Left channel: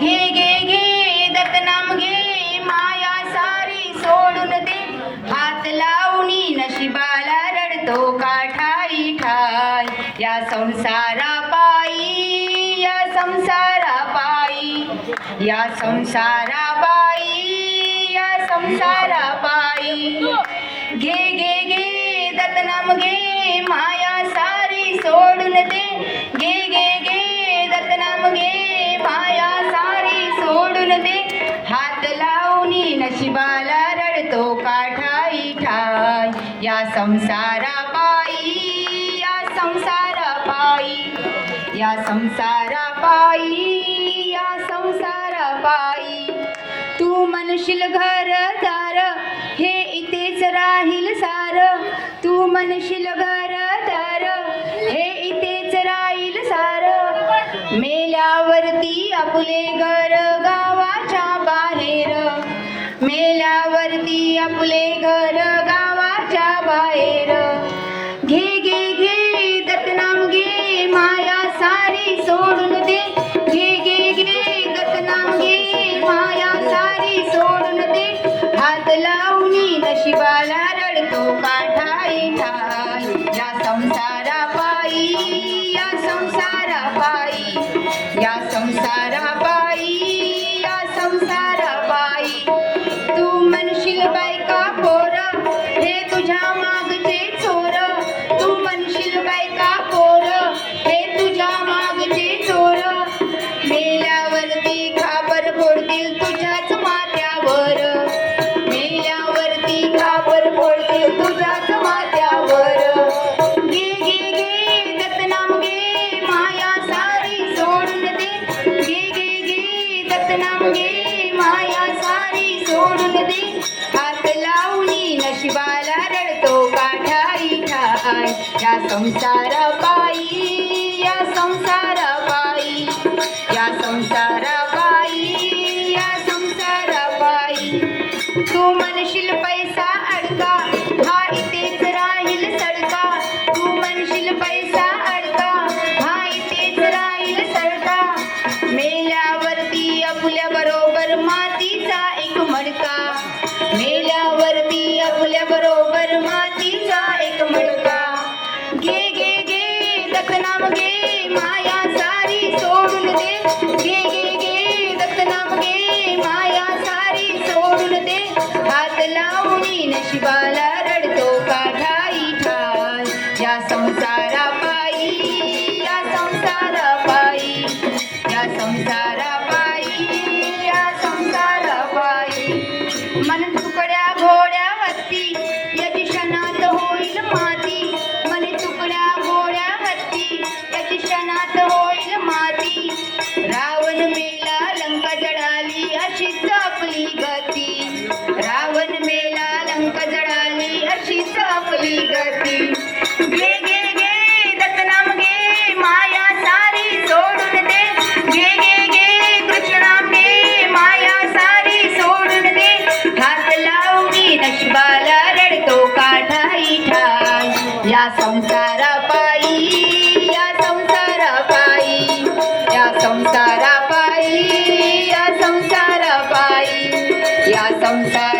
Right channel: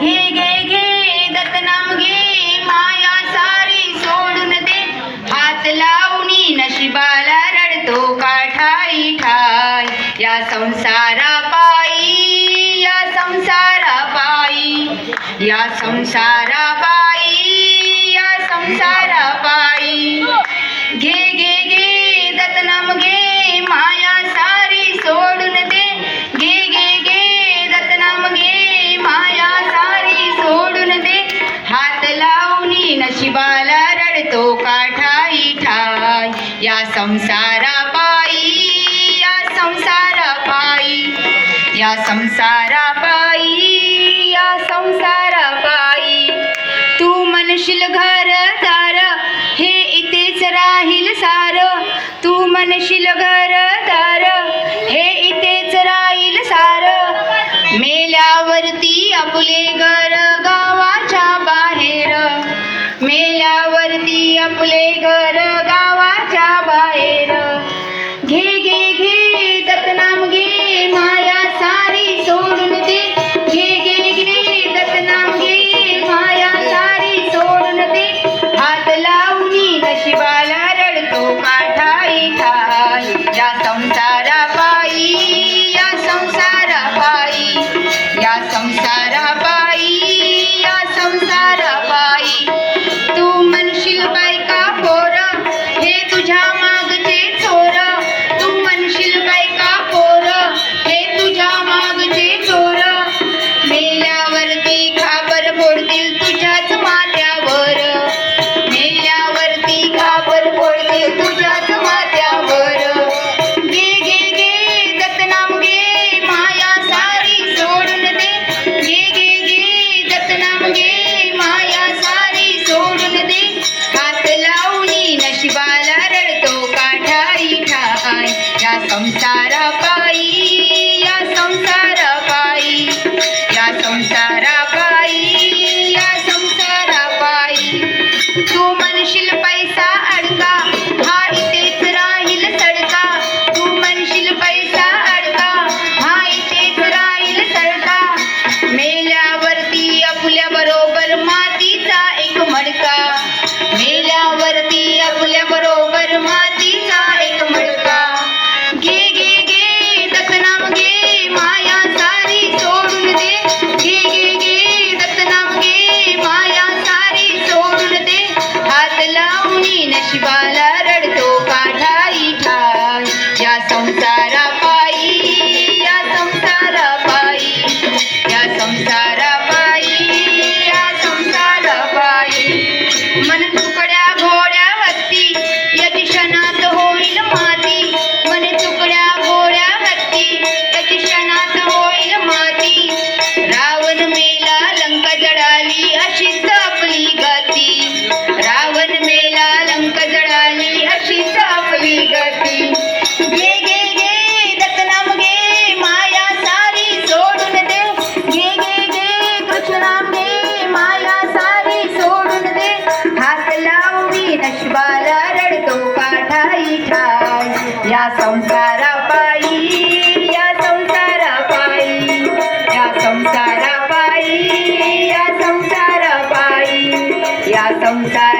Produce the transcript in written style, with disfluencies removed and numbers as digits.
घे घे घे दत्तनाम घे, माया सारी सोडून दे. हात लावणी नशिबाला रडतो काठाई ठाय. या संसारा पायी, या संसारा पायी, या संसारा पायी, या संसारा पायी. घे घे घे दत्तनाम घे, माया सारी सोडून दे. घे घे घे दत्तनाम घे, माया सारी सोडून दे. हात लावणी नशिबाला रडतो काठाई ठाय. या संसारा पायी, या संसारा पायी, या संसारा पायी, या संसारा पायी. तू म्हणशील घरदार हे इथेच राहील सार. तू म्हणशील घरदार हे इथेच राहील सार. मेल्यावरती आपले घर गावाच्या बाहेर. मेल्यावरती आपले घर गावाच्या बाहेर. घे घे घे दत्तनाम घे, माया सारी सोडून दे. घे घे घे दत्तनाम घे, माया सारी सोडून दे. हात लावणी नशिबाला रडतो काठाई ठाय. या संसारा पायी, या संसारा पायी, या संसारा पायी, या संसारा पायी. तू म्हणशील बायका पोर हे तुझ्या मागचे चोर. तू म्हणशील बायका पोर हे तुझ्या मागचे चोर. मेल्यावरती खापर फोडतील तुझ्याच माथ्यावर. मेल्यावरती खापर फोडतील तुझ्याच माथ्यावर. घे घे घे दत्तनाम घे, माया सारी सोडून दे. घे घे घे दत्तनाम घे, माया सारी सोडून दे. हात लावणी नशिबाला रडतो काठाई ठाय. या संसारा पायी, या संसारा पायी, या संसारा पायी, या संसारा पायी. तू म्हणशील पैसा अडका हा इथेच राहील सडका. तू म्हणशील पैसा अडका हा इथेच राहील सडका. मेल्यावरती आपल्या बरोबर मातीचा एक मडका. मेल्यावरती आपल्या बरोबर मातीचा एक मडका. घे घे घे दत्तनाम घे, माया सारी सोडून दे. घे घे घे दत्तनाम घे, माया सारी सोडून दे. हात लावणी नशिबाला रडतो काठाई ठाय. या संसारा पायी, या संसारा पायी, या संसारा पायी, या संसारा पायी. मन तुकड्या घोड्या हत्ती याची क्षणात होईल माती. मन तुकड्या घोड्या हत्ती याची क्षणात होईल माती. रावण मेला लंका जळाली अशीच आपली गती. रावण मेला लंका जळाली अशीच आपली गती. घे घे घे दत्तनाम घे, माया सारी सोडून दे. घे घे घे कृष्णाम घे, माया सारी सोडून दे. हात लावणी नशिबाला रडतो काठाई ठाय. या संसारा पायी, या संसारा पायी, या संसारा पायी, या संसारा पायी, या संसारा